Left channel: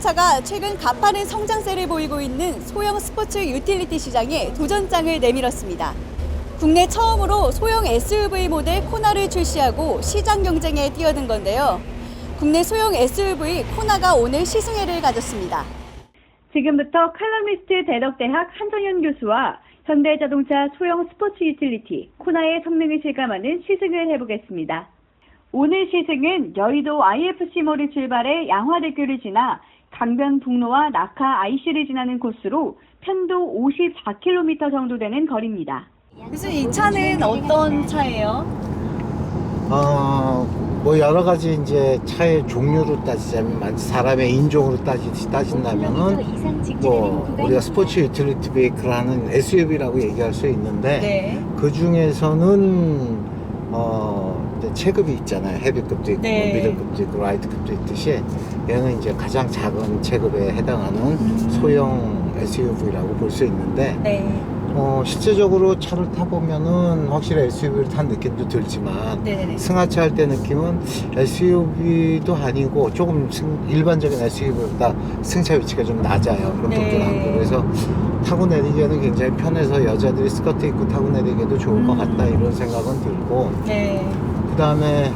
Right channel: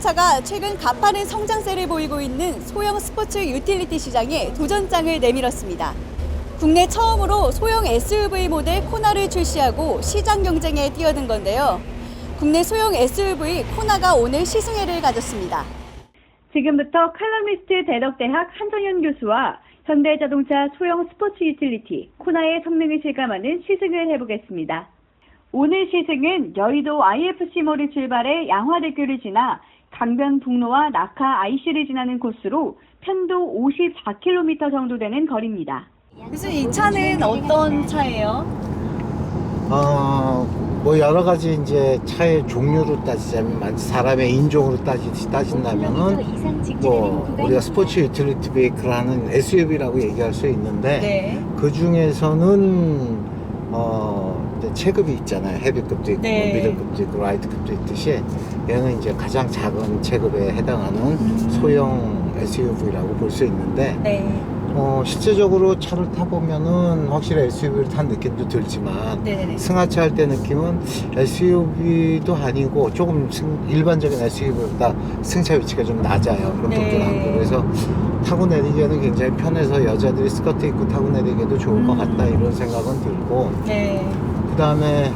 자동차가 최근 가파른 성장세를 보이고 있는 소형 스포츠 유틸리티 시장에 도전장을 내밀었습니다. 국내 처음으로 소형 SUV 모델 코나를 출시하고 시장 경쟁에 뛰어든 건데요. 국내 소형 SUV 코나가 오늘 시승회를 가졌습니다. 지금부터 칼럼니스트 대덕대학 한정현 교수와 현대자동차 소형 스포츠 유틸리티 코나의 성능을 실감하는 시승을 해보겠습니다. 오늘 시승은 여의도 IFC몰을 출발해 양화대교를 지나 강변북로와 낙하 IC를 지나는 코스로 편도 54km 정도 되는 거리입니다. 교수님, 이 차는 어떤 차예요? 뭐 여러 가지 이제 차의 종류로 따지자면 사람의 인종으로 따진다면은 뭐 우리가 스포츠 유틸리티 베이크를 하는 SUV라고 얘기할 수 있는데 네. 그 중에서는 체급이 있잖아요. 헤비급도 있고 네. 미들급도 있고 라이트급도 있듯이 얘는 이제 가장 작은 체급에 해당하는 소형 SUV라고 볼 수 있는데 네. 실제적으로 차를 타보면은 확실히 SUV를 탄 느낌도 들지만 네네네. 승하차 할 때 느낌은 SUV도 아니고 조금 일반적인 SUV보다 승차 위치가 좀 낮아요. 롱통통한 거. 그래서 타고 내리기에는 굉장히 편해서 여자들이 스커트 입고 타고 내리기에도 좋을 것 같다 이런 생각은 들고 네. 그 다음에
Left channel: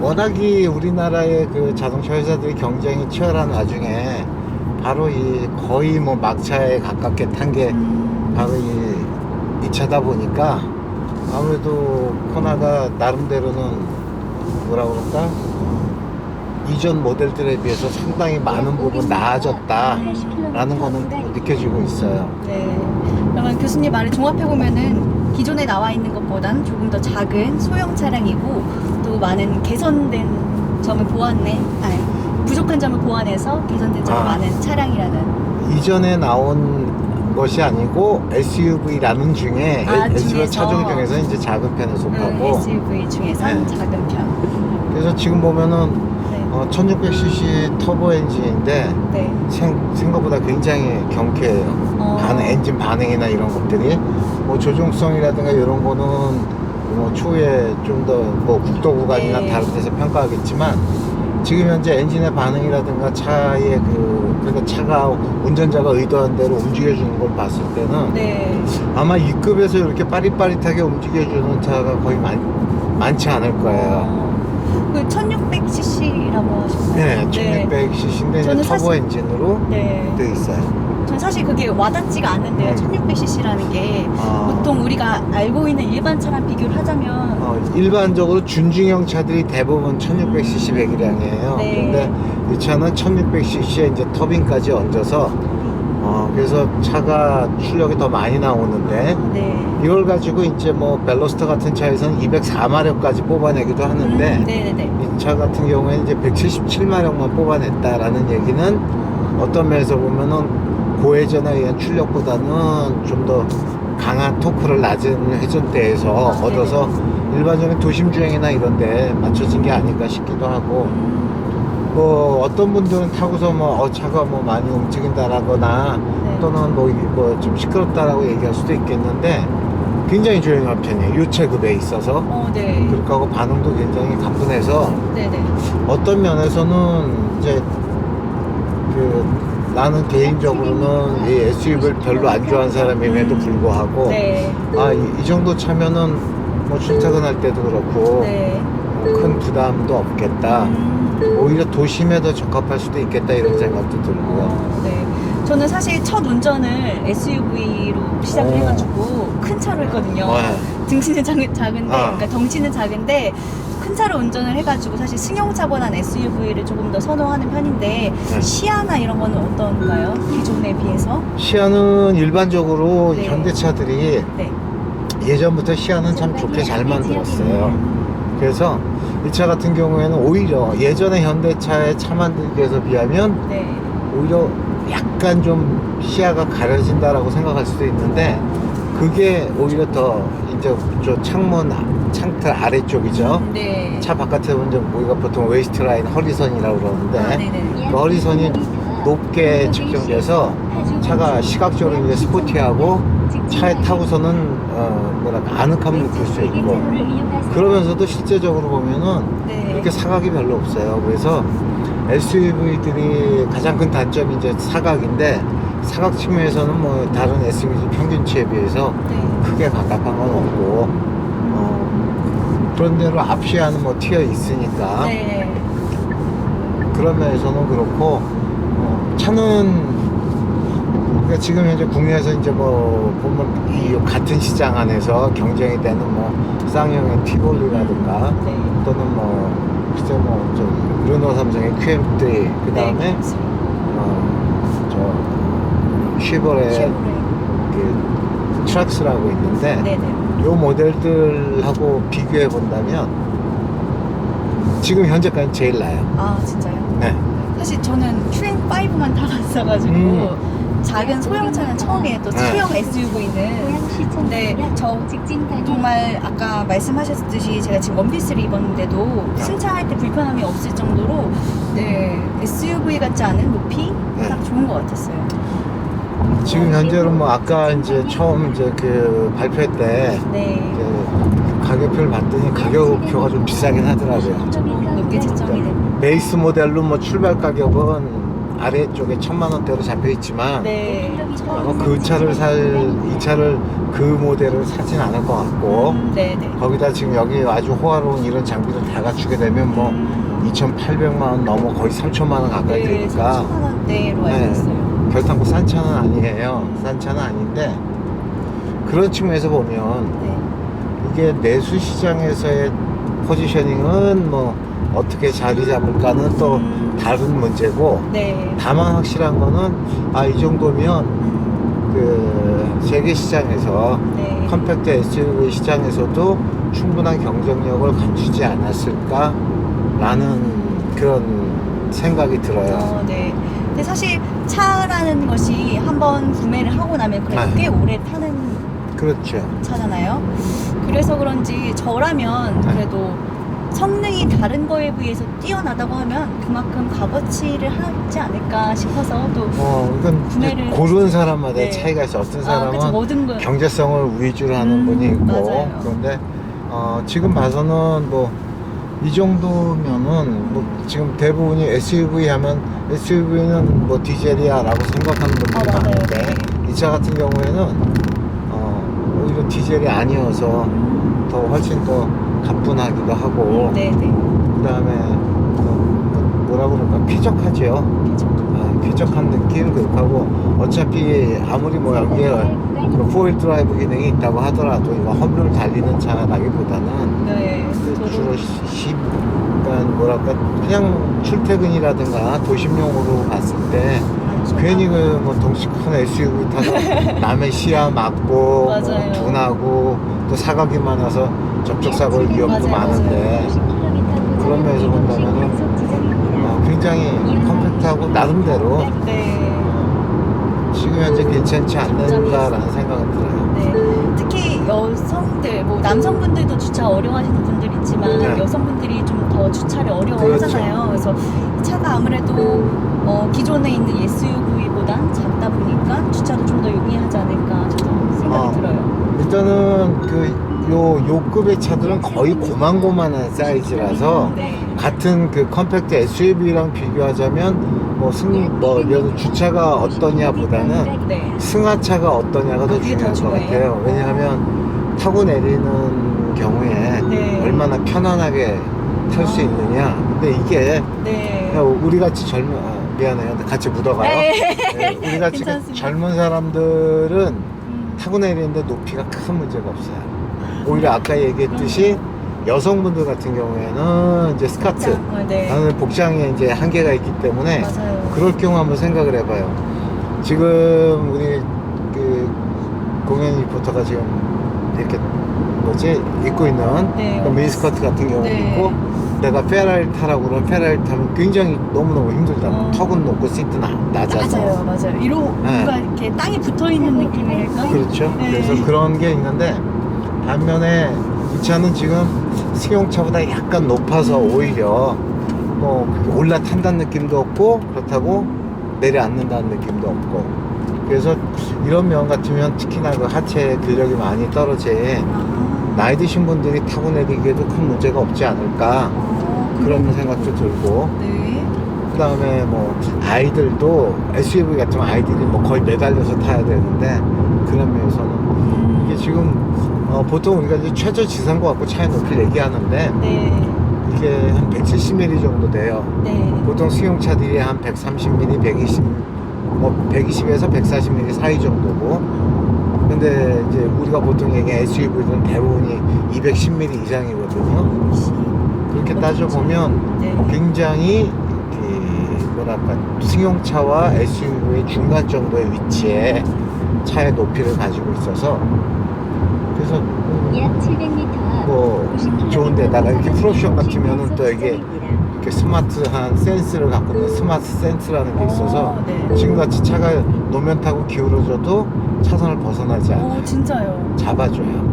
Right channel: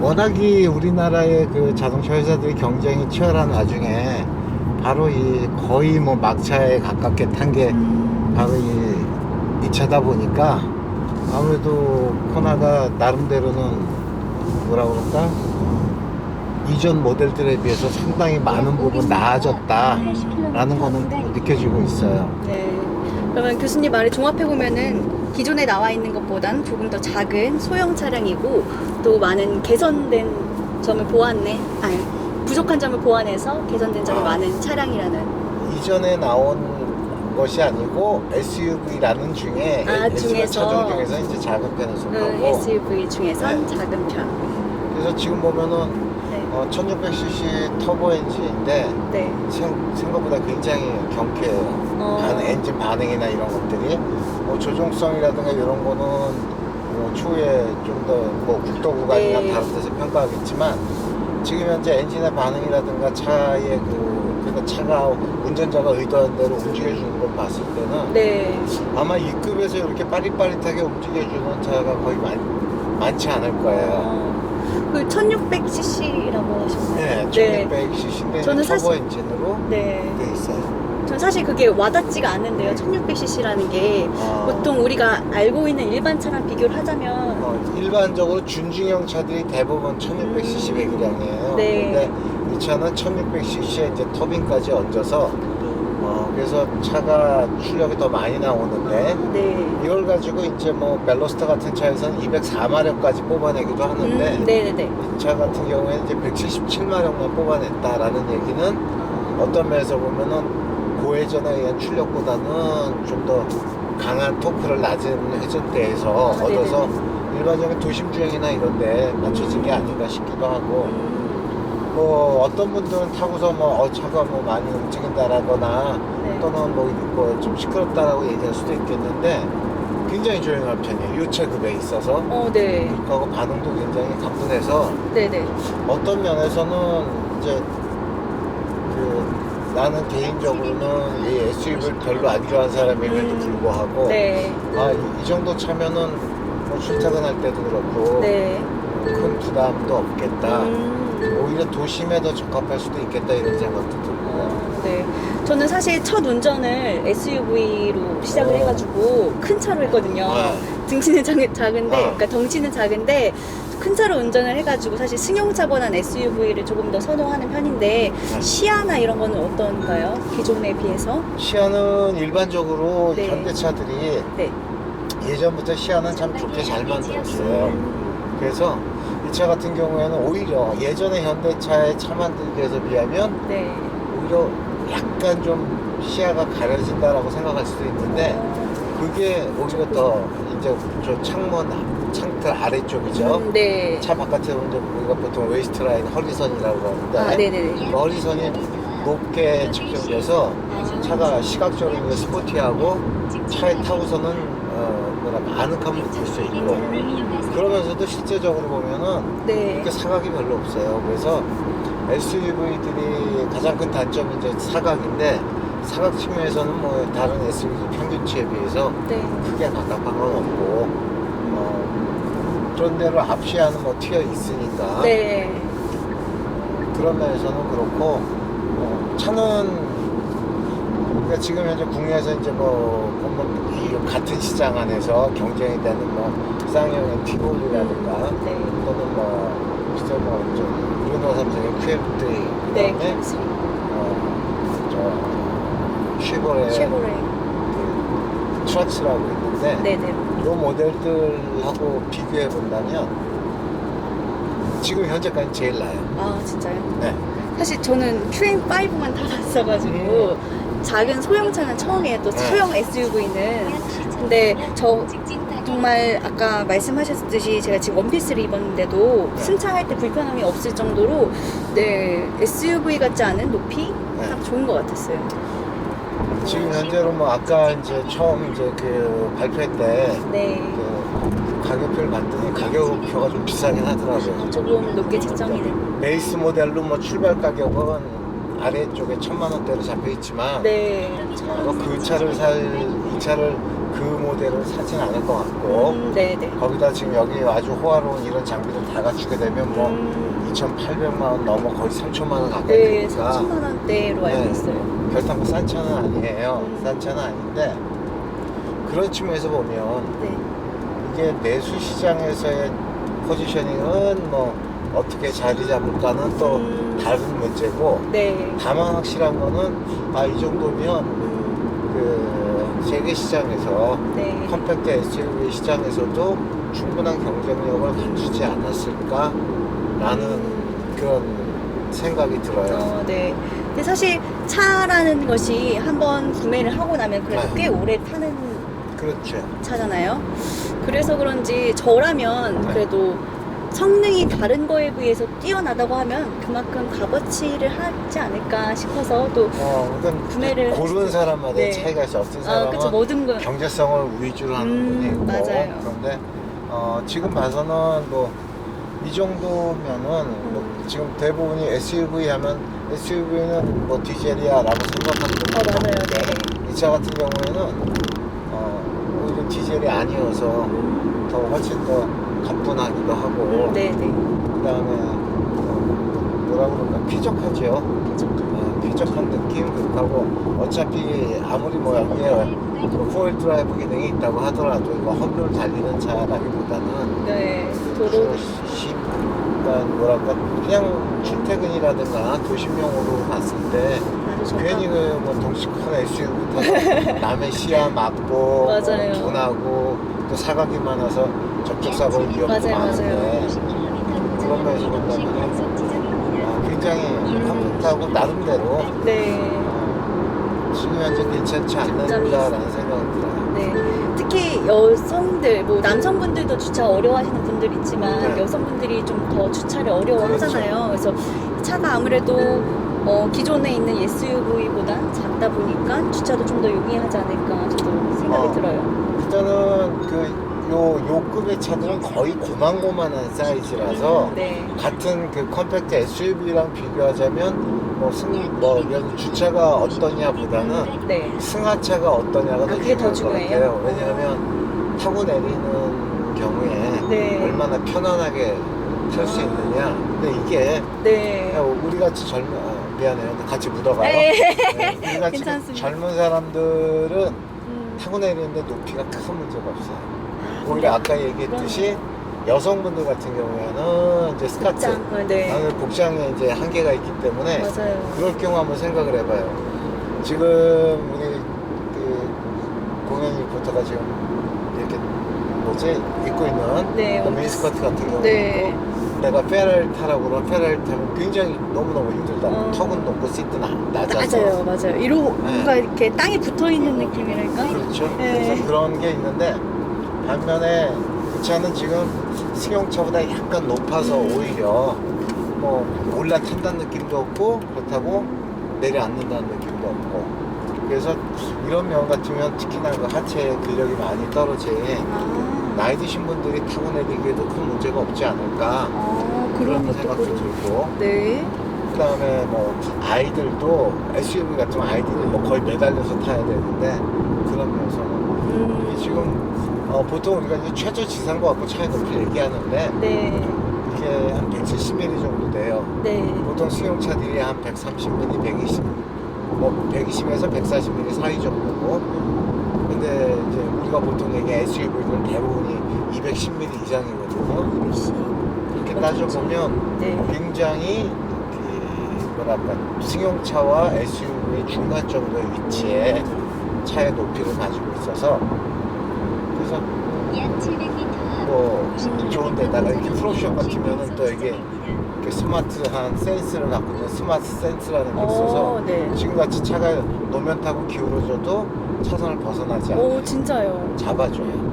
워낙이 우리나라의 그 자동차 회사들이 경쟁이 치열한 와중에 바로 이 거의 뭐 막차에 가깝게 탄 게 바로 이 차다 보니까 아무래도 코나가 나름대로는 뭐라 그럴까 이전 모델들에 비해서 상당히 많은 부분 나아졌다라는 거는 느껴지고 있어요. 네. 그러면 교수님 말을 종합해보면은 기존에 나와 있는 것보단 조금 더 작은 소형 차량이고 또 많은 개선된 점을 부족한 점을 보완해서 개선된 점이 많은 차량이라는. 이전에 나온 것이 아니고 SUV라는 중에 SUV 차종 중에서 이제 작은 편에 속하고 SUV 중에선 네. 작은 편. 그래서 지금 보면은 네. 1600cc 터보 엔진인데 네. 생각보다 굉장히 경쾌해요. 엔진 반응이나 이런 것들이 뭐 조종성이라든가 이런 거는 뭐 추후에 좀 더 뭐 국도 구간이나 네. 다른 데서 평가하겠지만 지금 현재 엔진의 반응이라든가 차의 그러니까 차가 운전자가 의도한 대로 움직여주는 걸 봤을 때는 네. 아마 이 급에서 이렇게 빠릿빠릿하게 움직여주는 차가 거의 많지 않을 거예요. 그 1600cc라고 하셨나요? 네, 1600cc인데 저는 터보 사실- 엔진으로 네. 돼 있어요. 전 사실 그게 와닿지가 않는데요. 1600cc라는 게 보통 우리가 알고 있는 일반 차랑 비교를 하자면 일반적으로 준중형 차들이 대부분 1600cc 배기량이에요. 네. 근데 이 차는 1600cc에 이제 터빈까지 얹어서 그래서 차가 출력이 더 많이 나오는데 네. 이걸 가지고 이제 뭐 벨로스터 같은 차에서는 204마력까지 뽑아내기도 하는데 네네네. 이 차 같은 경우에는 이제 177마력만 뽑아냈다라는 얘기는 어떤 면에서 보면은 고회전에 의한 출력보다는 좀 더 강한 토크를 낮은 회전대에서 얻어서 일반적인 도심 주행이나 이런 데 맞춰진 게 아닌가 싶기도 하고 뭐 어떤 분들은 타고서 뭐 차가 뭐 많이 움직인다라거나 네. 또는 뭐 좀 시끄럽다라고 얘기할 수도 있겠는데 굉장히 조용한 편이에요. 이 체급에 있어서. 네. 그렇고 하고 반응도 굉장히 가뿐해서 네네. 어떤 면에서는 이제 나는 개인적으로는 이 SUV를 별로 안 좋아하는 사람임에도 불구하고 네. 이 정도 차면은 뭐 출퇴근할 때도 그렇고 네. 큰 부담도 없겠다. 오히려 도심에 더 적합할 수도 있겠다 이런 생각도 들고. 네. 저는 사실 첫 운전을 SUV로 시작을 해가지고 큰 차로 했거든요. 등치는 작은데, 그러니까 덩치는 작은데 큰 차로 운전을 해가지고 사실 승용차보다는 SUV를 조금 더 선호하는 편인데 시야나 이런 거는 어떤가요? 기존에 비해서? 시야는 일반적으로 네. 현대차들이 네. 예전부터 시야는 참 좋게 잘 만들었어요. 그래서 이 차 같은 경우에는 오히려 예전의 현대차의 차 만들기에서 비하면 네. 오히려 약간 좀 시야가 가려진다라고 생각할 수도 있는데 그게 오히려 더 이제 저 창틀 아래쪽이죠. 네. 차 바깥에 보면 우리가 보통 웨이스트 라인 허리선이라고 그러는데 네네네. 그 허리선이 높게 측정돼서 차가 시각적으로 이제 스포티하고 차에 타고서는 아늑함을 느낄 수 있고 그러면서도 실제적으로 보면은 네. 이렇게 사각이 별로 없어요. 그래서 SUV들이 가장 큰 단점이 이제 사각인데 사각 측면에서는 뭐 다른 SUV 평균치에 비해서 네. 크게 갑갑한 건 없고 그런 대로 앞시야는 뭐 튀어 있으니까 네. 그런 면에서는 그렇고 차는 그러니까 지금 현재 국내에서 이제 뭐 보면 이 같은 시장 안에서 경쟁이 되는 뭐 쌍용의 티볼이라든가 네. 또는 뭐 글쎄 뭐좀 르노 삼성의 QM3 그 다음에 네. 저 쉐보레 쉐보레. 그 트럭스라고 있는데 네네. 요 모델들하고 비교해 본다면 지금 현재까지 제일 나아요. 아 진짜요? 네. 사실 저는 QM5만 타봤어가지고 작은 소형차는 처음이에요. 또 네. 소형 SUV는. 근데 저 정말 아까 말씀하셨듯이 제가 지금 원피스를 입었는데도 승차할 때 불편함이 없을 정도로 네 SUV 같지 않은 높이 네. 딱 좋은 것 같았어요. 지금 현재로 뭐 아까 이제 처음 이제 그 발표 때 네. 그 가격표를 봤더니 가격표가 좀 비싸긴 하더라고요. 조금 높게 책정이 된. 베이스 모델로 뭐 출발 가격은 아래쪽에 1,000만 원대로 잡혀 있지만 네. 아마 그 차를 이 차를 그 모델을 사진 않을 것 같고 네네. 거기다 지금 여기 아주 호화로운 이런 장비를 다 갖추게 되면 뭐 2,800만 원 넘어 거의 3천만 원 가까이 네, 되니까 3천만 원대로 알고 네. 있어요. 그렇다고 뭐 싼 차는 아니에요. 싼 차는 아닌데 그런 측면에서 보면 네. 이게 내수 시장에서의 포지셔닝은 뭐 어떻게 자리 잡을까는 또 다른 문제고 네. 다만 확실한 거는 이 정도면 그 세계 시장에서 네. 컴팩트 SUV 시장에서도 충분한 경쟁력을 갖추지 않았을까라는 그런 생각이 들어요. 네. 근데 사실 차라는 것이 한번 구매를 하고 나면 그래도 네. 꽤 오래 타는 그렇죠. 차잖아요. 그래서 그런지 저라면 네. 그래도 성능이 다른 거에 비해서 뛰어나다고 하면 그만큼 값어치를 하지 않을까 싶어서 또 이건 구매를 고르는 사람마다 네. 차이가 있어. 어떤 그쵸, 사람은 모든 거 경제성을 위주로 하는 분이 있고 맞아요. 그런데 지금 봐서는 뭐 이 정도면은 뭐 지금 대부분이 SUV 하면 SUV는 뭐 디젤이야라고 생각하는 분들이 맞아요. 많은데 이 차 같은 경우에는 오히려 디젤이 아니어서 더 훨씬 더 가뿐하기도 하고 네네. 그 다음에 뭐라 그럴까 쾌적하죠. 쾌적한 느낌 그렇고 어차피 아무리 뭐 여기에 그 4휠 드라이브 기능이 있다고 하더라도 이거 험로를 달리는 차라기보다는 네. 그 저도 그러니까 뭐랄까 그냥 출퇴근이라든가 도심용으로 갔을 때 괜히 그 뭐 덩치 큰 SUV 타서 남의 시야 막고 맞아요. 뭐 둔하고 또 사각이 많아서 접촉사고 위험도 맞아요, 많은데 그런 면에서 본다면은 굉장히 컴팩트하고 나름대로 네. 지금 현재 괜찮지 않는가라는 생각이 들어요. 네. 특히 여성들, 뭐 남성분들도 주차 어려워하시는 분들 있지만 네. 여성분들이 좀 더 주차를 어려워하잖아요. 그래서 차가 아무래도 기존에 있는 SUV보단 작다 보니까 주차도 좀 더 용이하지 않을까 저도 생각이 들어요. 일단은 요 급의 차들은 거의 고만고만한 사이즈라서 네. 같은 그 컴팩트 SUV랑 비교하자면 이런 주차가 어떠냐보다는 네. 승하차가 어떠냐가 더 그게 더 중요한 것 중요해요? 같아요. 왜냐하면 타고 내리는 경우에 네. 얼마나 편안하게 탈 수 있느냐. 근데 이게 네. 우리 같이 미안해요. 근데 같이 묻어가요. 네. 네, 우리 같이 괜찮습니다. 젊은 사람들은 타고 내리는데 높이가 큰 문제가 없어요. 오히려 아까 얘기했듯이 여성분들 같은 경우에는 이제 스커트, 네. 나는 복장에 이제 한계가 있기 때문에 맞아요. 그럴 경우 한번 생각을 해봐요. 지금 우리 그 공연 리포터가 지금 이렇게 입고 있는 네, 그 미니스커트 같은 경우도 네. 있고 내가 페라리 타라고 그러면 페라리 타면 굉장히 너무너무 힘들다. 턱은 높고 시트는 낮아서. 맞아요. 뭔가 이렇게 땅에 붙어 있는 느낌이랄까? 그렇죠. 네. 그래서 그런 게 있는데 반면에 이 차는 지금 승용차보다 약간 높아서 오히려 뭐 올라탄다는 느낌도 없고 그렇다고 내려앉는다는 느낌도 없고 그래서 이런 면 같으면 특히나 그 하체 근력이 많이 떨어진 나이 드신 분들이 타고 내리기에도 큰 문제가 없지 않을까 그런 생각도 들고 네. 그 다음에 뭐 아이들도 SUV 같은 거 아이들이 뭐 거의 매달려서 타야 되는데 그런 면에서는 이게 지금 보통 우리가 이제 최저 지상고 갖고 차의 높이를 얘기하는데 네. 이게 한 170mm 정도 돼요. 네. 보통 승용차들이 한 130mm, 120, 뭐 120에서 140mm 사이 정도고, 근데 이제 우리가 보통 얘기하는 SUV들은 대부분이 210mm 이상이거든요. 역시. 그렇게 따져보면 네. 굉장히 뭐랄까 승용차와 SUV 중간 정도의 위치에 차의 높이를 가지고 있어서 그래서 약 700m 뭐 좋은데다가 이렇게 프로옵션 같으면은 또 이게 이렇게 스마트한 센스를 갖고 있는 스마트 센스라는 게 있어서 네. 지금같이 차가 노면 타고 기울어져도 차선을 벗어나지 않아요. 오, 진짜요. 잡아줘요.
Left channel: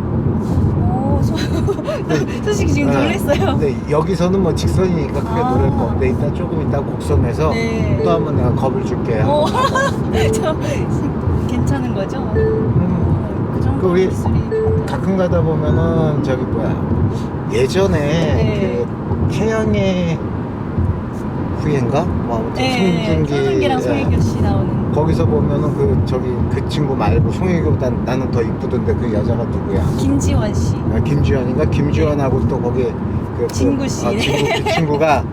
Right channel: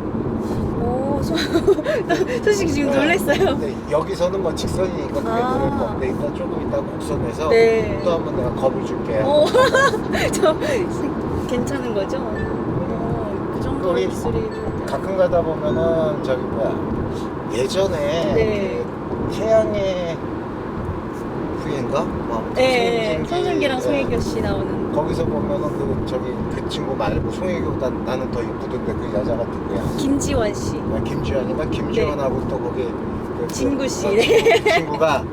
오, 솔직히 지금 놀랐어요. 근데 여기서는 뭐 직선이니까 크게 아. 노릴 거 없는데 이따 조금 이따 곡선에서 네. 또 한번 내가 겁을 줄게. 저 괜찮은 거죠? 그 정도 우리 기술이 가끔 가다 보면은 저기 뭐야 예전에 네. 그 태양의 후예인가? 뭐 아무튼 네, 손준기랑 송혜교 씨 나오는. 거기서 보면은 그 저기 그 친구 말고 송혜교보다 나는 더 이쁘던데 그 여자가 누구야? 김지원 씨. 김주현인가? 김주현하고 또 거기 그 진구 씨. 그 친구가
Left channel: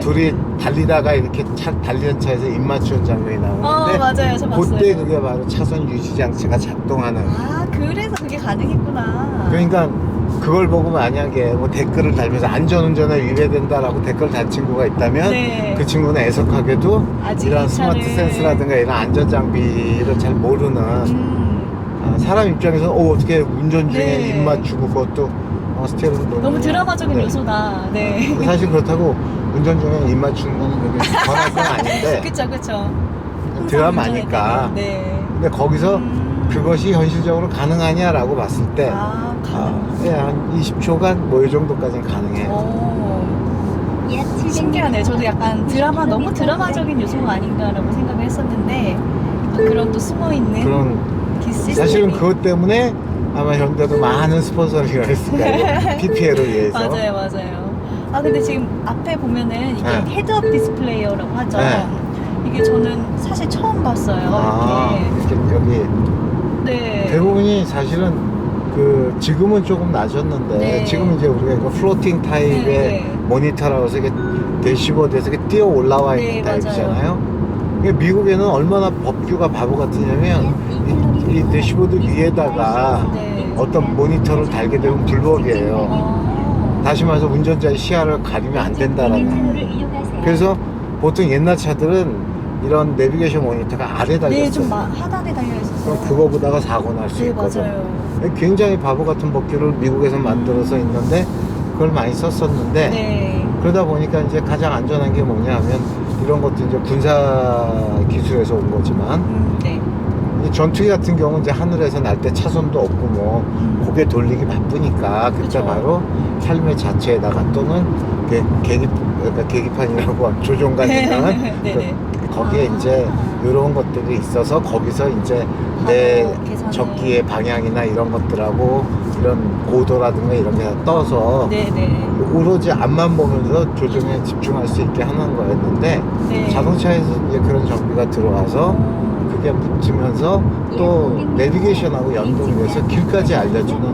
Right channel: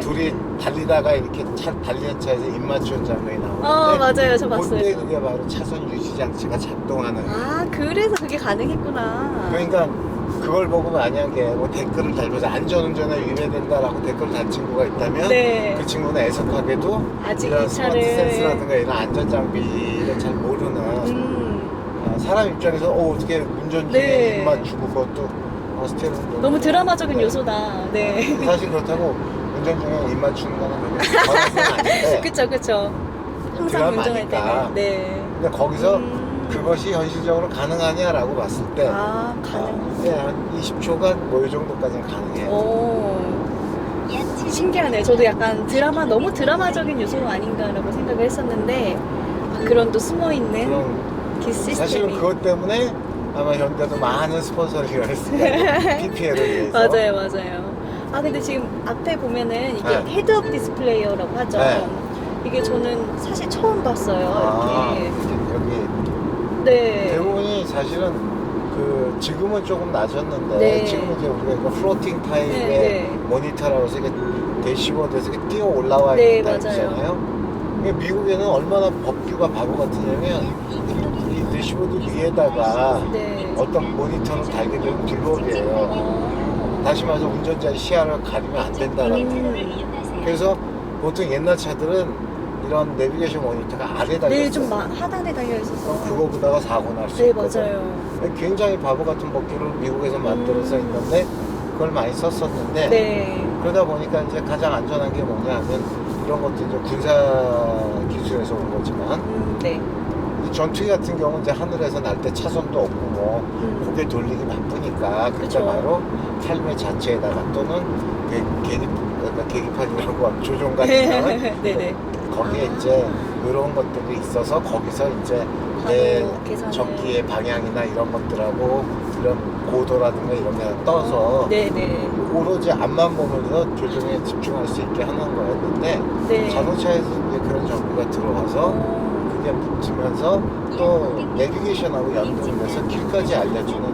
둘이 달리다가 이렇게 달리는 차에서 입 맞추는 장면이 나오는데 맞아요. 저 봤어요. 그때 그게 바로 차선 유지 장치가 작동하는. 아, 그래서 그게 가능했구나. 그러니까 그걸 보고 만약에 뭐 댓글을 달면서 안전운전에 위배된다라고 댓글을 단 친구가 있다면 네. 그 친구는 애석하게도 아직 이런 이 스마트 차를- 센스라든가 이런 안전장비를 잘 모르는 사람 입장에서 어떻게 운전 중에 네. 입 맞추고 그것도 스티어링 너무 드라마적인 네. 요소다. 네. 사실 그렇다고 운전 중에 입 맞추는 거는 그게 권할 건 아닌데 그쵸. 항상 드라마니까. 운전할 때는. 네. 근데 거기서 그것이 현실적으로 가능하냐라고 봤을 때 한 20초간 뭐 이 정도까지는 가능해요. 오. 약 700m 신기하네요. 저도 약간 너무 드라마적인 요소가 아닌가라고 생각을 했었는데 그런 또 숨어있는 그런 시스템이. 사실은 그것 때문에 아마 현대도 많은 스폰서링을 했을 거예요. PPL을 위해서. 맞아요. 아 근데 지금 앞에 보면은 이게 네. 헤드업 디스플레이어라고 하죠. 네. 이게 저는 사실 처음 봤어요. 이렇게. 여기 네. 대부분이 사실은 그 지금은 조금 낮았는데 네. 지금은 이제 우리가 이거 플로팅 타입의 네. 모니터라고 해서 이게 대시보드에서 이렇게 뛰어 올라와 있는 네, 타입이잖아요. 이게 미국에는 얼마나 법규가 바보 같으냐면 이 대시보드 위에다가 네. 어떤 모니터를 달게 되면 불법이에요. 다시 말해서 운전자의 시야를 가리면 안 된다라는 거예요. 그래서 보통 옛날 차들은 이런 내비게이션 모니터가 아래 달려 네, 있어요. 좀 하단에 달려 있어서. 그럼 그거 보다가 사고 날 수 네, 있거든. 맞아요. 굉장히 바보 같은 법규를 미국에서 만들어서 있는데 그걸 많이 썼었는데 네. 그러다 보니까 이제 가장 안전한 게 뭐냐 하면 이런 것도 이제 군사 기술에서 온 거지만 네. 이 전투기 같은 경우는 이제 하늘에서 날 때 차선도 없고 뭐 고개 돌리기 바쁘니까 그때 그쵸. 바로 헬멧 자체에다가 또는 그러니까 계기판이라고 조종관 있는 네네. 거기에 아. 이제 이런 것들이 있어서 거기서 이제 내 바로 계산을. 적기의 방향이나 이런 것들하고 이런 고도라든가 이런 게 다 떠서 네네. 오로지 앞만 보면서 조종에 집중할 수 있게 하는 거였는데 네. 자동차에서 이제 그런 장비가 들어와서 그게 붙으면서 또 내비게이션하고 연동을 해서 길까지 알려주는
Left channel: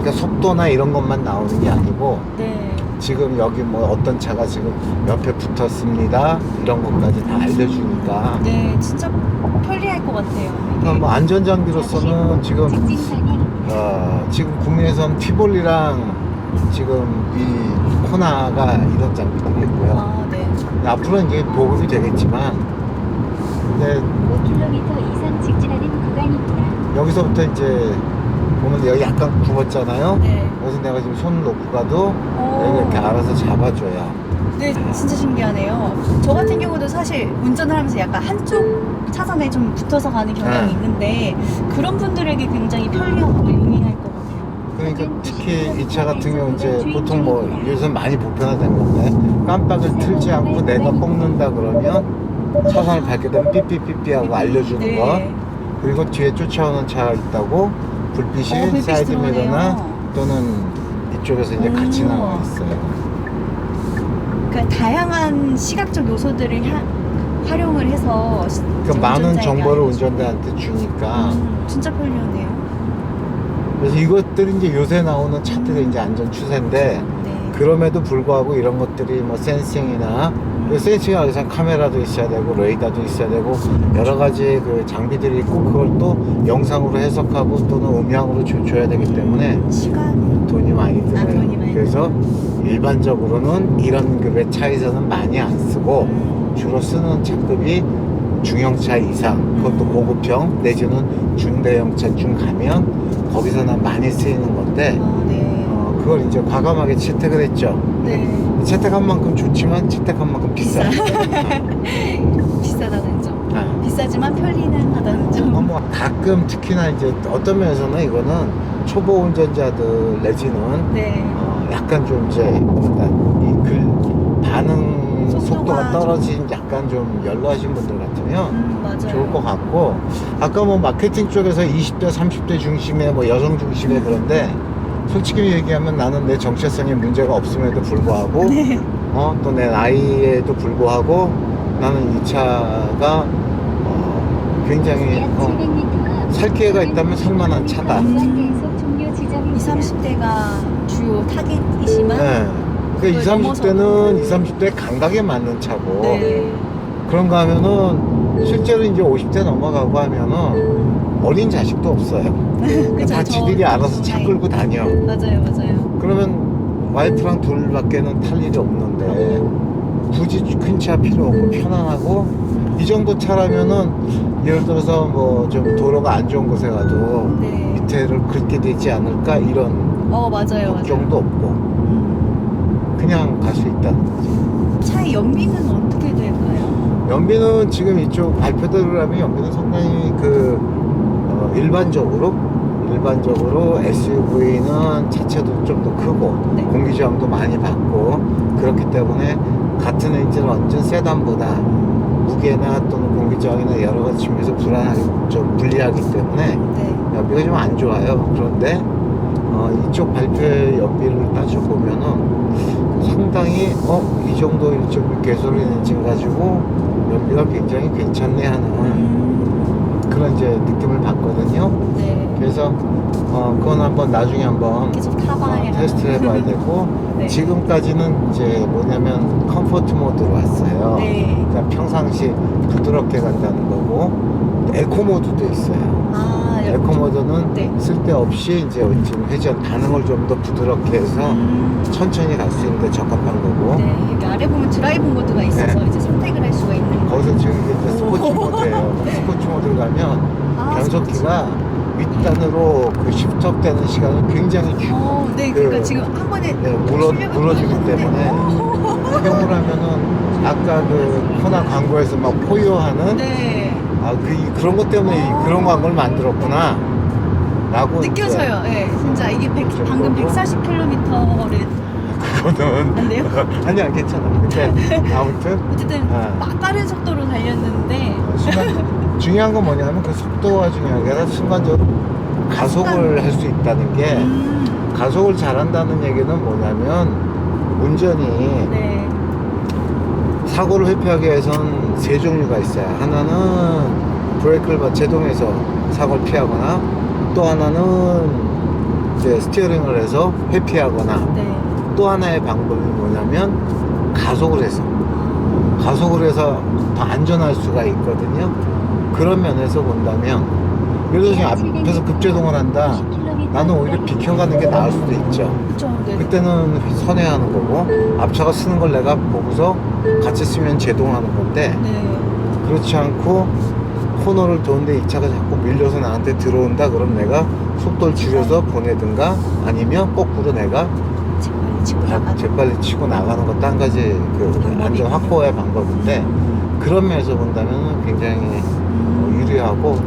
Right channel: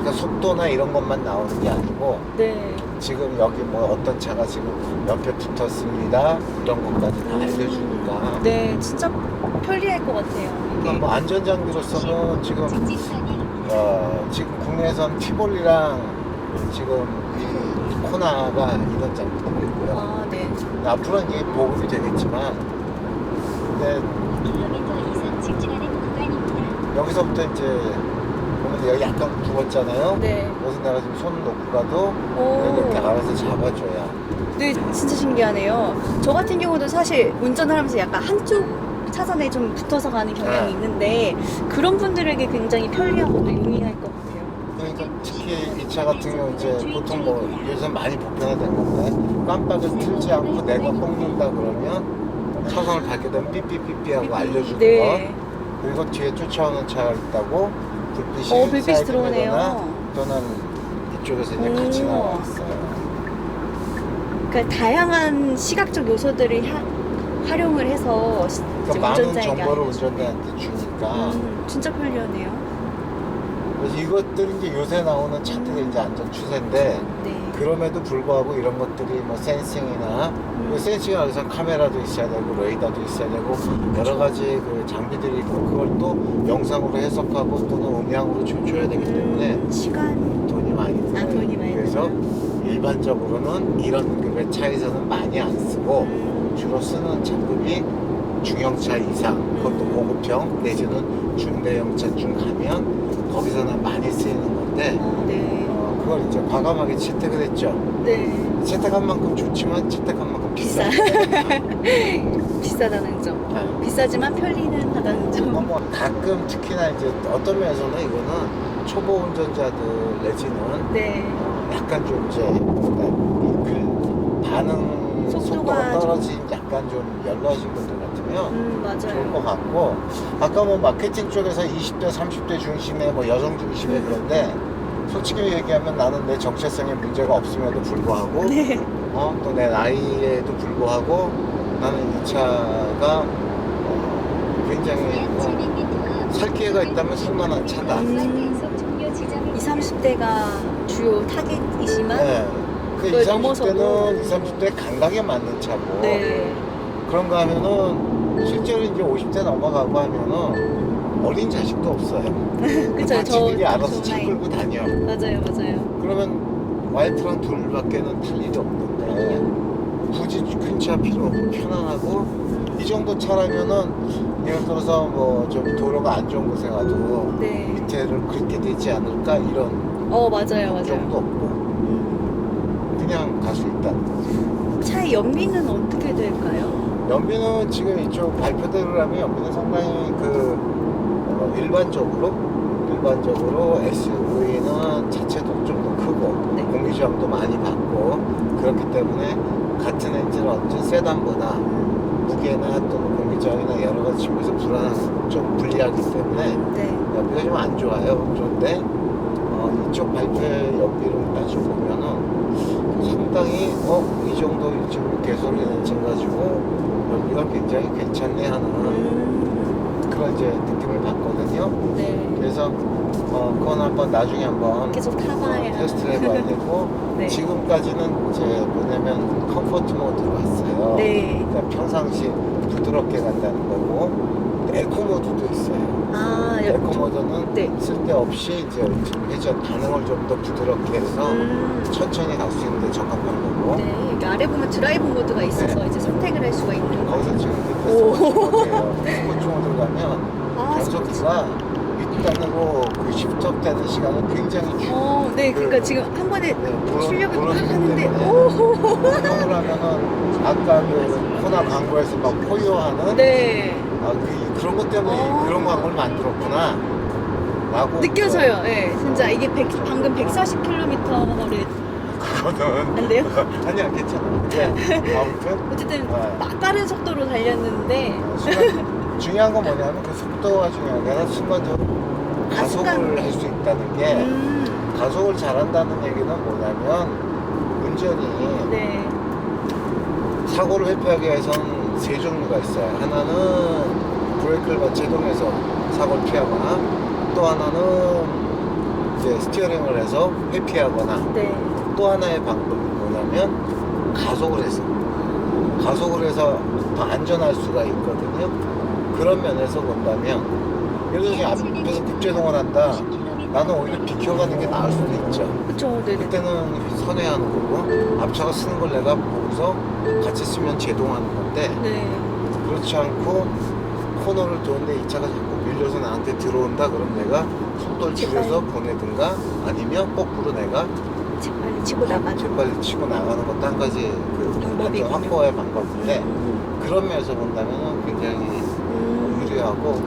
그러니까 속도나 이런 것만 나오는 게 아니고 네. 지금 여기 뭐 어떤 차가 지금 옆에 붙었습니다 이런 것까지 다 알려주니까 네, 진짜 편리할 것 같아요. 그러니까 뭐 안전장비로서는 지금 지금 국내에선 티볼리랑 지금 이 코나가 이런 장비들이 있고요. 아, 네. 앞으로는 이게 보급이 되겠지만 근데 5km 이상 직진하는 구간입니다. 여기서부터 이제 보면 여기 약간 굽었잖아요. 네. 그래서 내가 지금 손을 놓고 가도 여기 이렇게 알아서 잡아줘야. 네, 진짜 신기하네요. 저 같은 경우도 사실 운전을 하면서 약간 한쪽 차선에 좀 붙어서 가는 경향이 네. 있는데 그런 분들에게 굉장히 편리하고 또 유의할 것 같아요. 그러니까 특히 이 차 같은 경우 이제 보통 뭐 요즘 많이 보편화된 건데 깜빡을 틀지 않고 내가 뽑는다 그러면 차선을 밟게 되면 삐삐삐삐 하고 알려주는 네. 거. 그리고 뒤에 쫓아오는 차 있다고 불빛이 불빛이 사이드 미러나 들어오네요. 또는 이쪽에서 이제 같이 나와 있어요. 그러니까 다양한 시각적 요소들을 활용을 해서 그러니까 많은 운전자에게 정보를 알려주고. 운전자한테 주니까 진짜 편리하네요. 그래서 이것들이 이제 요새 나오는 차들의 이제 안전 추세인데 네. 그럼에도 불구하고 이런 것들이 뭐 센싱이나 센싱이 아니라 카메라도 있어야 되고 레이더도 있어야 되고 여러 가지 그 장비들이 있고 그걸 또 영상으로 해석하고 또는 음향으로 줘야 되기 때문에 시간 돈이 많이 들어요. 돈이 많이 그래서 일반적으로는 이런 급의 차에서는 많이 안 쓰고 주로 쓰는 차급이 중형차 이상, 그것도 고급형 내지는 중대형차쯤 가면 거기서는 많이 쓰이는 건데 네. 그걸 이제 과감하게 채택을 했죠. 네. 채택한 만큼 좋지만 채택한 만큼 비싸. 비싸다는 점. 아. 비싸지만 편리는 하다는 점. 뭐 가끔 특히나 이제 어떤 면에서는 이거는 초보 운전자들 내지는 네. 약간 좀 이제 그 반응 속도가 속도가 떨어진 약간 좀 연로하신 분들 같으면 맞아요. 좋을 것 같고 아까 뭐 마케팅 쪽에서 20대 30대 중심의 뭐 여성 중심의 그런데 솔직히 얘기하면 나는 내 정체성에 문제가 없음에도 불구하고 네. 또 내 나이에도 불구하고 나는 이 차가 굉장히 약 700m 앞 살 기회가 있다면 살만한 차다. 20, 30대가 주요 타겟이지만 네. 그 그걸 20, 30대는 넘어서도 20, 30대에 감각에 맞는 차고 네. 그런가 하면은 실제로 이제 50대 넘어가고 하면은 어린 자식도 없어요. 그쵸, 다 지들이 알아서 저 차 나이. 끌고 다녀. 맞아요, 맞아요. 그러면 와이프랑 둘밖에는 탈 일이 없는데 굳이 큰 차 필요 없고 편안하고 이 정도 차라면은 예를 들어서 뭐 좀 도로가 안 좋은 곳에 가도 네. 밑에를 긁게 되지 않을까 이런 맞아요, 걱정도 맞아요. 없고 그냥 갈 수 있다는 거지. 차의 연비는 어떻게 될까요? 연비는 지금 이쪽 발표대로 하면 연비는 상당히 일반적으로 SUV는 자체도 좀 더 크고 네. 공기저항도 많이 받고 그렇기 때문에 같은 엔진을 얹은 세단보다 무게나 또는 공기저항이나 여러 가지 측면에서 좀 불리하기 때문에 네. 연비가 좀 안 좋아요. 그런데 이쪽 발표의 연비를 따져보면은 상당히 이 정도 일정 개소리 엔진 가지고 연비가 굉장히 괜찮네 하는 그런 이제 느낌을 받거든요. 네. 그래서 그건 한번 나중에 한번 계속 타봐야. 테스트 해봐야 되고 네. 지금까지는 이제 뭐냐면 컴포트 모드로 왔어요. 네. 그러니까 평상시 부드럽게 간다는 거고 에코 모드도 있어요. 아, 에코 모드는 네. 쓸데없이 이제 지금 회전 반응을 좀 더 부드럽게 해서 천천히 갈 수 있는데 적합한 거고 네. 여기 아래 보면 드라이브 모드가 있어서 네. 이제 선택을 할 수가 있는 거예요. 거기서 지금 이제 오. 스포츠 모드예요. 스포츠 모드를 가면 아, 변속기가 윗단으로 그 십접되는 시간이 굉장히 네. 그러니까 그- 지금 한 번에 물어주기 하는데 때문에 그 경우를 하면은 아까 그 코나 광고에서 막 포효하는 네. 그런 것 때문에 아. 그런 광고를 만들었구나 라고 느껴져요. 네. 진짜 이게 방금 140km를 그거는 안 돼요? 아니야 괜찮아 근데 아무튼 어쨌든 네. 빠른 속도로 달렸는데 중요한 건 뭐냐면 그 속도가 중요한 게 아니라 순간적으로 가속을 순간. 할 수 있다는 게 가속을 잘한다는 얘기는 뭐냐면 운전이 네. 사고를 회피하기 위해서는 세 종류가 있어요. 하나는 브레이크를 제동해서 사고를 피하거나 또 하나는 이제 스티어링을 해서 회피하거나 네. 또 하나의 방법이 뭐냐면 가속을 해서 더 안전할 수가 있거든요. 그런 면에서 본다면 예를 들어서 지금 앞에서 급제동을 한다. 나는 오히려 비켜가는 게 나을 수도 있죠. 그쵸. 네. 그때는 선회하는 거고 앞차가 쓰는 걸 내가 보고서 같이 쓰면 제동하는 건데 네. 그렇지 않고 코너를 도는데 이 차가 자꾸 밀려서 나한테 들어온다 그럼 내가 속도를 줄여서 보내든가 아니면 거꾸로 내가 재빨리 치고 나가는. 재빨리 치고 나가는 것도 한 가지 그 방법이군요. 안전 확보의 방법인데 그런 면에서 본다면 굉장히 유리하고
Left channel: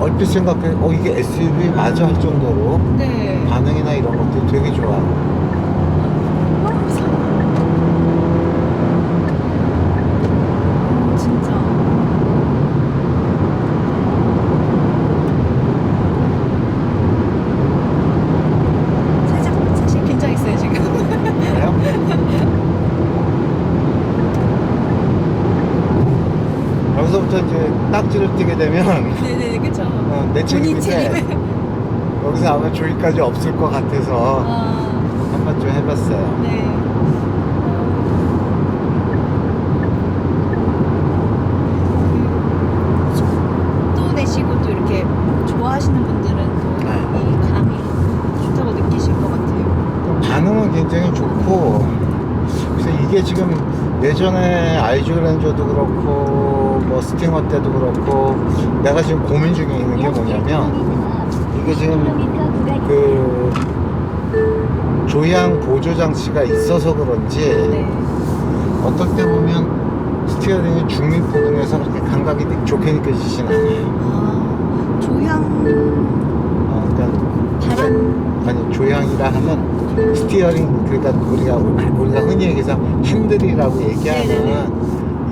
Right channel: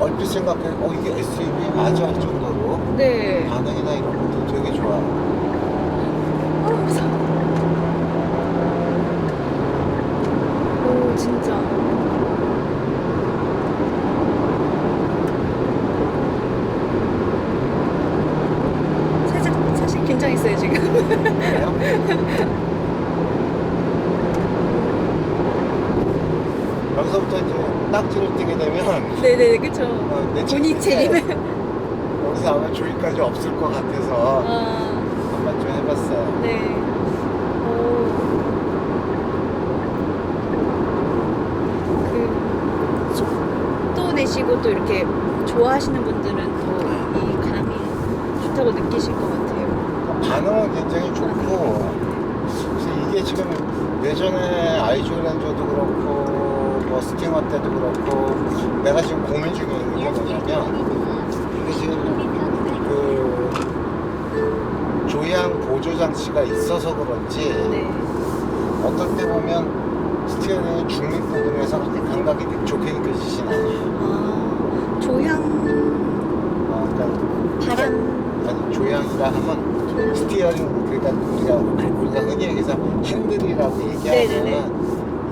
얼핏 생각해 이게 SUV 맞아 할 정도로 네. 반응이나 이런 것도 되게 좋아요. 무서워. 오, 진짜. 살짝 사실 긴장했어요 지금. 여기서부터 이제 딱지를 띄게 되면 네네, 그쵸. 내 본인 책임인데 책임을. 여기서 아마 조이까지 없을 것 같아서 한번 좀 해봤어요. 네. 그 속도 내시고 또 이렇게 좋아하시는 분들은 또 이 감이 좋다고 느끼실 것 같아요. 반응은 굉장히 좋고, 그래서 이게 지금 예전에 아이즈 그랜저도 그렇고 뭐 스팅어 때도 그렇고 내가 지금 고민 중에 있는 게 뭐냐면, 이게 지금 그 조향 보조 장치가 있어서 그런지 네. 어떨 때 보면 스티어링이 중립 부분에서 그렇게 감각이 좋게 느껴지진 않아요. 조향 그러니까 바람. 아니 조향이라 하면 스티어링, 그러니까 우리가 흔히 얘기해서 핸들이라고 얘기하는 네네네.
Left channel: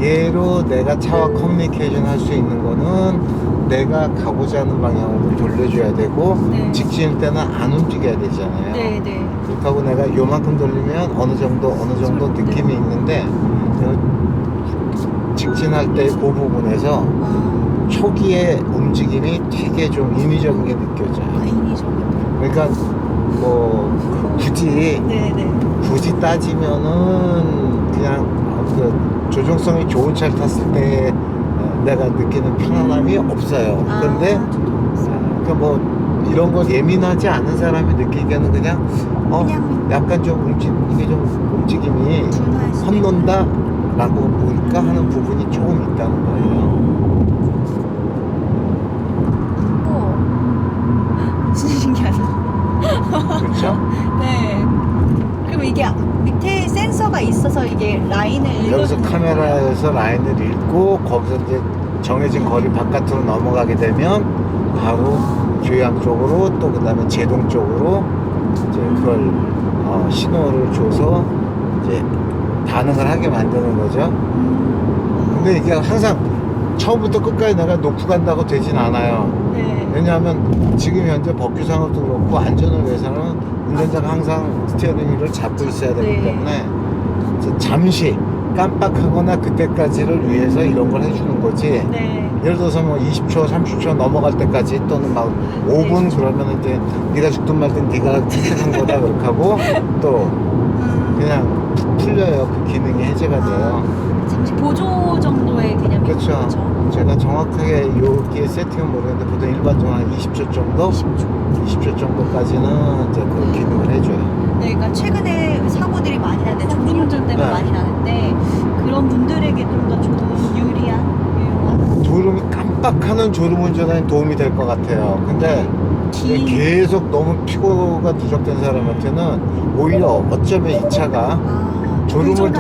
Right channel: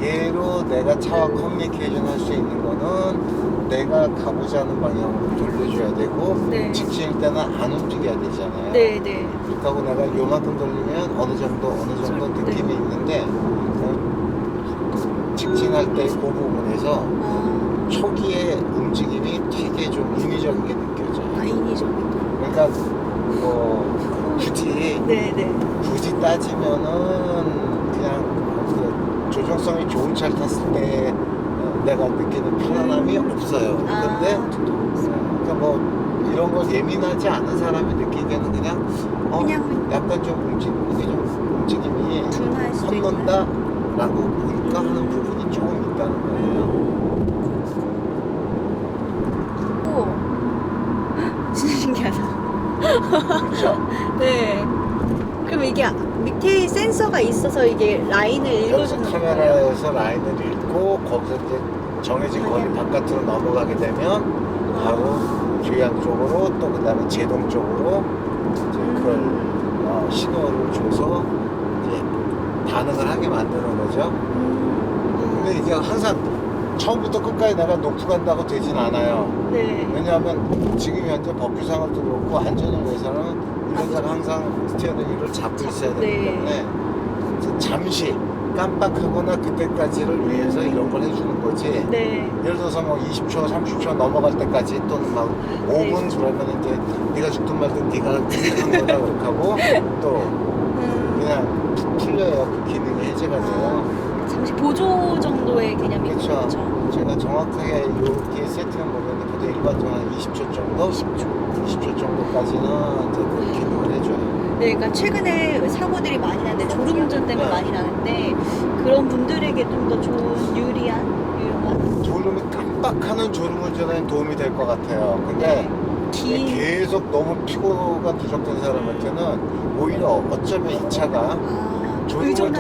얘로 내가 차와 커뮤니케이션 할 수 있는 거는 내가 가고자 하는 방향으로 돌려줘야 되고, 네. 직진일 때는 안 움직여야 되잖아요. 네네. 그렇다고 내가 요만큼 돌리면 어느 정도 느낌이 네. 있는데, 직진할 때 그 부분에서 초기의 움직임이 되게 좀 인위적인 게 느껴져요. 인위적인. 그러니까 뭐 네네. 굳이 따지면은 그냥 그 조종성이 좋은 차를 탔을 때 내가 느끼는 편안함이 없어요. 근데 그 뭐 이런 거 예민하지 않은 사람이 느끼기에는 그냥 약간 좀 이게 좀 움직임이 둔할 수도 있어요. 헛논다라고 보니까 하는 부분이 조금 있다는 거예요. 진짜 신기하다. 그렇죠? 네. 그럼 이게 밑에 센서가 있어서 이게 라인을 여기서 읽어주는 카메라에서 라인을 읽고 거기서 이제 정해진 거리 바깥으로 넘어가게 되면 바로 조향 쪽으로, 또 그 다음에 제동 쪽으로 이제 그걸 신호를 줘서 이제 반응을 하게 만드는 거죠. 근데 이게 항상 처음부터 끝까지 내가 놓고 간다고 되진 않아요. 네. 왜냐하면 지금 현재 법규상으로도 그렇고 안전을 위해서는 운전자가 항상 스티어링 휠을 잡고 있어야 되기 네. 때문에 잠시 깜빡하거나 그때까지를 위해서 이런 걸 해주는 거지. 네. 예를 들어서 뭐 20초, 30초 넘어갈 때까지, 또는 막 5분 네. 그러면 이제 네가 죽든 말든 네가 선택한 거다 그렇게 하고, 또 그냥 푹 풀려요. 그 기능이 해제가 돼요. 잠시 보조 정도의 개념이 그렇죠. 제가 정확하게 여기에 세팅은 모르겠는데 보통 일반적으로 한 20초 정도? 20초 정도까지는 이제 그 기능을 해줘요. 네, 그러니까 최근에 사고들이 많이 나는데 졸음운전 때문에 네. 많이 나는데 그런 분들에게 좀 더 좋은 유용한 졸음이 깜빡하는 졸음운전에 도움이 될 것 같아요. 근데 긴 계속 너무 피고가 누적된 사람한테는 오히려 어쩌면 이 차가 졸음을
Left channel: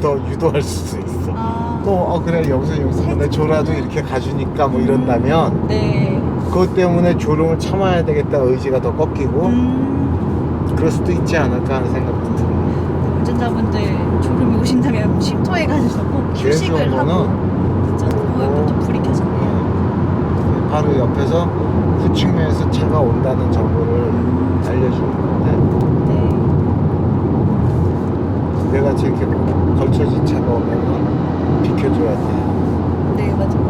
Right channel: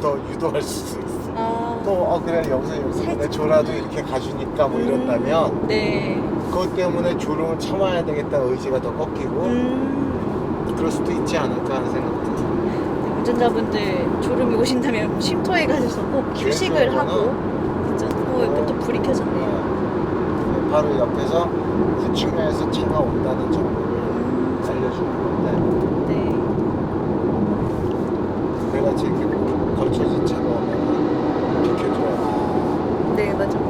더 유도할 수도 있어. 또 그래 여기서 내 졸아도 이렇게 가주니까 뭐 이런다면 네. 그것 때문에 졸음을 참아야 되겠다 의지가 더 꺾이고 그럴 수도 있지 않을까 하는 생각도 들어요. 운전자분들 졸음이 오신다면 쉼터에 가셔서 꼭 휴식을 하고 진짜 옆에 또 불이 켜졌네요. 바로 옆에서 후측면에서 차가 온다는 정보를 알려주는 건데, 네. 내가 이렇게 걸쳐진 차가 오면 비켜줘야 돼. 네, 맞아요.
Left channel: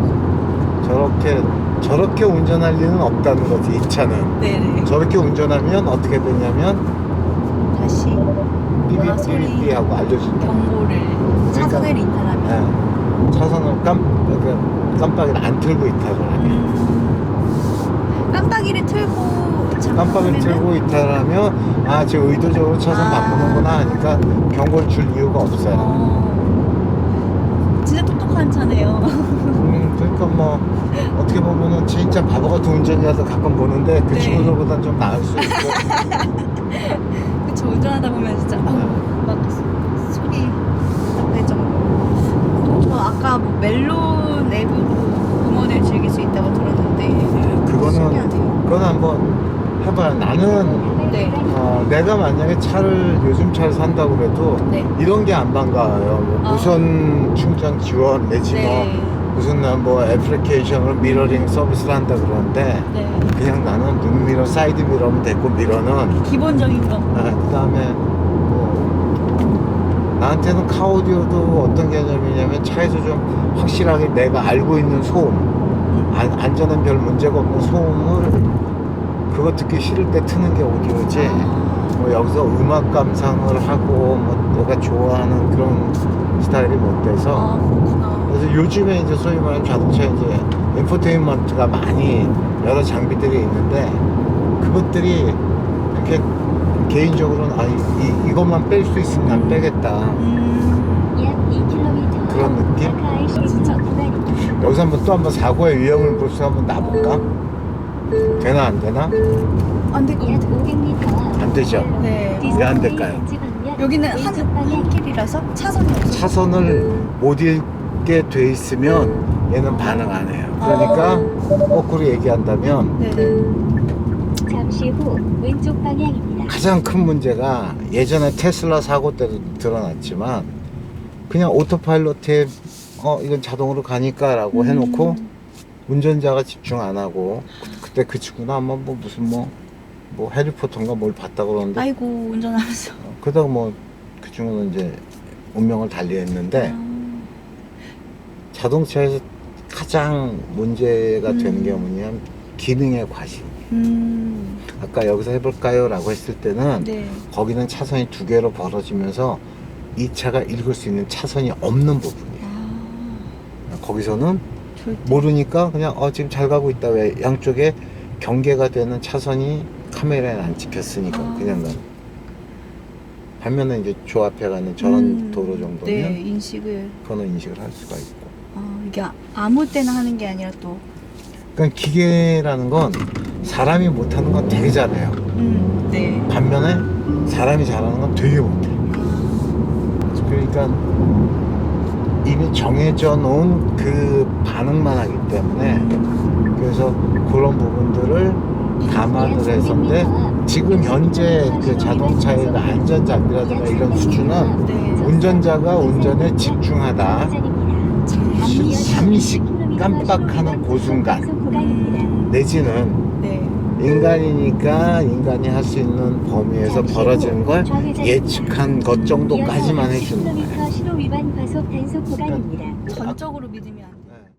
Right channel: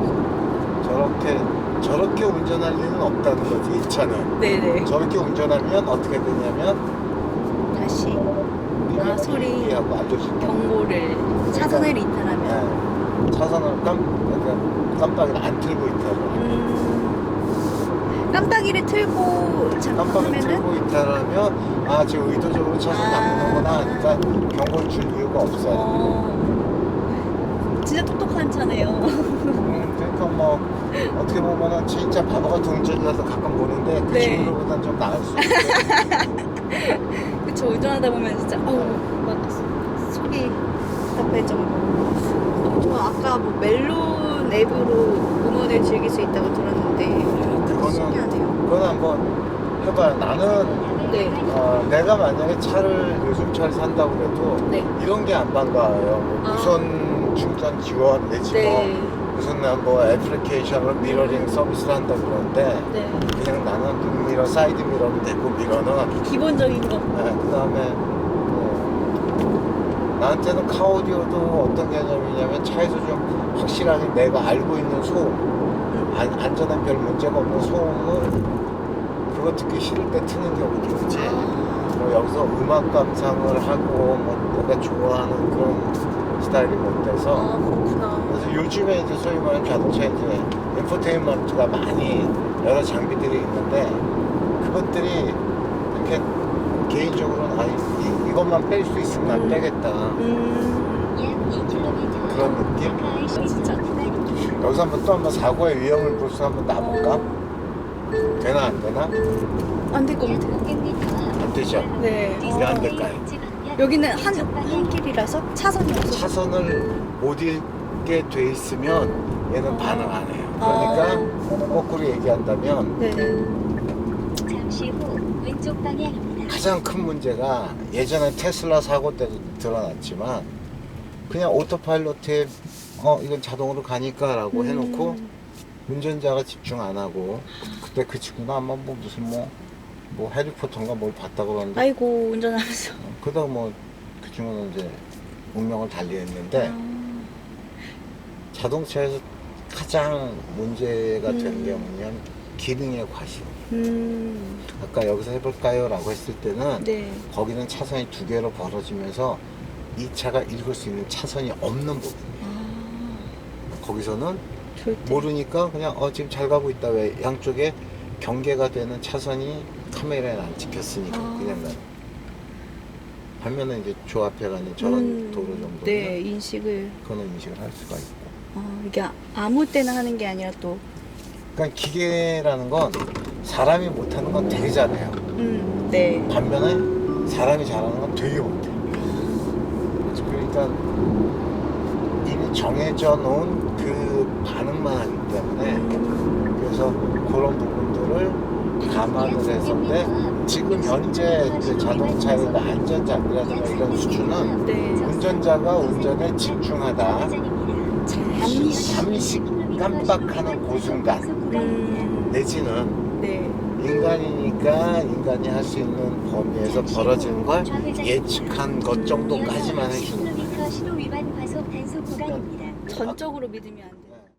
저렇게 운전할 리는 없다는 거지, 이 차는. 네네. 저렇게 운전하면 어떻게 되냐면 다시 소리 삐삐삐삐하고 알려주는 거야. 경고를 차선을 이탈하면 네. 차선을 깜빡이를 안 틀고 이탈을 하면, 깜빡이를 틀고 깜빡이를 틀고 이탈하면 지금 의도적으로 차선 바꾸는구나 하니까 경고를 줄 이유가 없어요. 진짜 똑똑한 차네요. 그러니까 뭐 어떻게 보면은 진짜 바보 같은 운전이라서 가끔 보는데 그 네. 친구들보다는 좀 나을 수 있어요. 그쵸, 운전하다 보면 진짜 막 소리 답답할 정도. 저 아까 뭐 멜론 앱으로 음원을 즐길 수 있다고 들었는데 신기하네요. 그건 한번 해봐요. 나는 네. 내가 만약에 요즘 차를 산다고 해도 네. 이런 게 안 반가워요. 뭐 무선 충전 지원 내지 네. 무슨 뭐 애플리케이션으로 미러링 서비스를 한다 그러는데, 네. 그냥 나는 눈미러, 사이드 미러면 됐고, 미러는 기본적인 거. 그 다음에 나한테는 카오디오도 어떤 개념이냐면 차에서 좀 확실하게 내가 알고 있는 소음, 안전한 별 문제가 없는 소음을 그거 듣기 싫을 때 트는 게 오디오지. 뭐 여기서 음악 감상을 하고 뭐 내가 좋아하는 그런 스타일이 못 돼서. 그렇구나. 그래서 요즘에 이제 소위 말하는 자동차 이제 인포테인먼트가 많이 여러 장비들이 있는데 그것들이 이렇게 개인적으로는 이것만 뺄 수 있으면 난 빼겠다. 약 2km 그런 느낌? 진짜 구간입니다. 여기서 한번 사고의 위험을 볼 수 한번 놔볼까? 되나 안 되나? 안 될 것 약 같아요. 500m 안 되죠. 네. 왜 안 될까요? 여기는 한 길이라서 차선이 없어서. 차선을 못 읽게 돼 있으면 얘는 반응 안 해요. 그러니까 거꾸로 얘기한다면 네네. 잠시 후 왼쪽 방향입니다. 가장 큰 문제가 예전에 테슬라 사고 때도 드러났지만 그냥 오토파일럿에 이건 자동으로 가니까 라고 해놓고 운전자가 집중 안 하고 그때 그 친구는 아마 뭐 무슨 뭐 해리포터인가 뭘 봤다 그러는데 아이고 운전하면서. 그러다가 뭐 그 친구는 이제 운명을 달리했는데 자동차에서 가장 문제가 되는 게 뭐냐면 기능의 과실. 아까 여기서 해볼까요? 라고 했을 때는 네. 거기는 차선이 두 개로 벌어지면서 이 차가 읽을 수 있는 차선이 없는 부분이에요. 거기서는 절대. 모르니까 그냥 지금 잘 가고 있다. 왜 양쪽에 경계가 되는 차선이 카메라에 안 찍혔으니까 그냥 난 반면에 이제 조 앞에 가는 저런 도로 정도면 네, 인식을. 그거는 인식을 할 수가 있고. 이게 아무 때나 하는 게 아니라 또. 그러니까 기계라는 건 사람이 못하는 건 되게 잘해요. 네. 반면에 사람이 잘하는 건 되게 못해. 그러니까 이미 정해져 놓은 그 반응만 하기 때문에 그래서 그런 부분들을 감안을 해서인데 지금 현재 그 자동차의 그 안전장비라든가 이런 수준은 네. 운전자가 운전에 집중하다 잠시 깜빡하는 그 순간 내지는 네. 인간이니까 인간이 할 수 있는 범위에서 벌어지는 걸 예측한 것 정도까지만 해주는 거예요. 신호 위반 과속 단속 구간입니다. 전적으로 믿으면 안 돼요.